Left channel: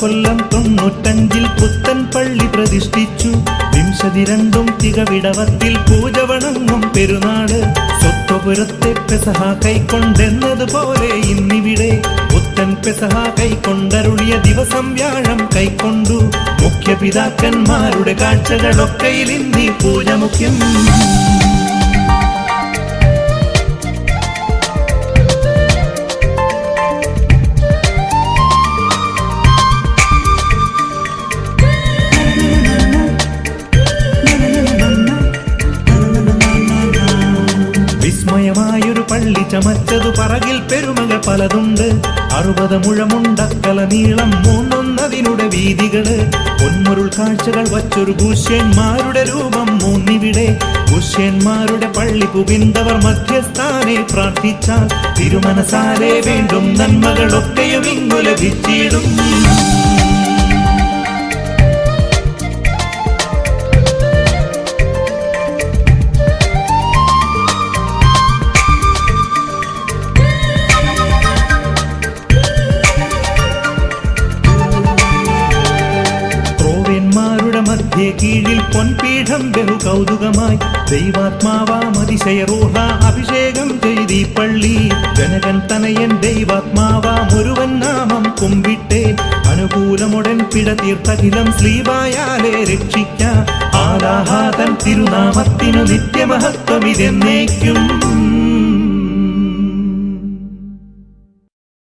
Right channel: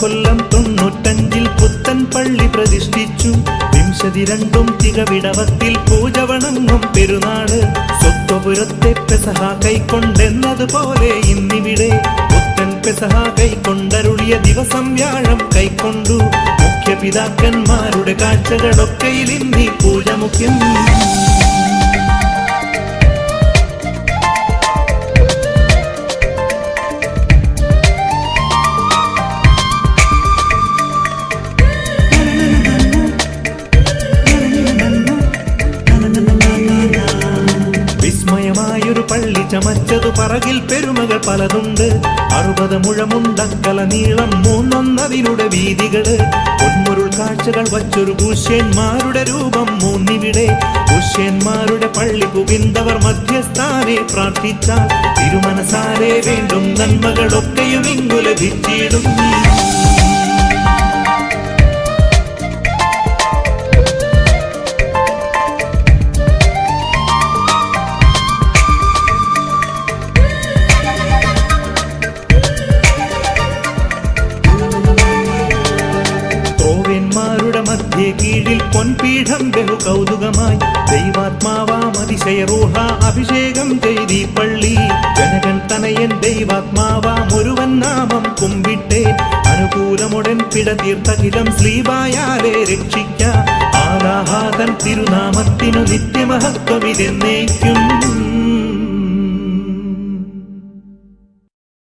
കൊല്ലം 95 പുത്തൻ പള്ളി പ്രതിഷ്ഠിച്ചു. 52 തികവിടവത്തിൽ പൂജ വണങ്ങും പെരുന്നാള്. സ്വത്വപുരത്തെ പെസഹ കൈക്കൊണ്ടെന്നതുപോലെ ഇന്നിവിടെ പുത്തൻ പെസഹ കൈക്കൊണ്ടരുളിയ ദിവസം വ്യാഴം കൈക്കൊണ്ടു. മുഖ്യപിതാക്കന്മാരുടെ കാഴ്ചകളൊക്കെയിൽ ഇന്നീ പൂജ മുഖ്യം. വിസ്മയമായൊരു പള്ളി ചമച്ചതു പറകിൽ പെരുമകൾ പലതുണ്ട്. 60 മുഴമുണ്ടക്കല നീളം 3 വീതികള്. പൊന്മുരുൾ കാഴ്ചകൾ വച്ചൊരു ഗുഷ്യന്മാരുടെ രൂപം 3 ഗുഷ്യന്മാരുടെ പള്ളി പുകിന്തവർ മധ്യസ്ഥാനെ പ്രാർത്ഥിച്ചാൽ തിരുമനസാലെ വീണ്ടും നന്മകളൊക്കെയും ഇങ്ങു ലഭിച്ചിടും. ോവന്മാരുടെ മധ്യേ കീഴിൽ പൊൻപീഠം ബഹു കൗതുകമായി. ദൈവാത്മാവാം അതിശയ റൂഹ അഭിഷേകം ചെയ്തീ പള്ളി. ജനകൻ തനയൻ ദൈവാത്മാവാം ഒരുവൻ നാമം കുമ്പിട്ടേൻ. അനുകൂലമുടൻ പിഴ തീർത്തഖിലം സ്ലീബായാലെ രക്ഷിക്ക. ആലാഹാതൻ തിരുനാമത്തിനു നിത്യമഹത്വമിതെന്നേക്കും.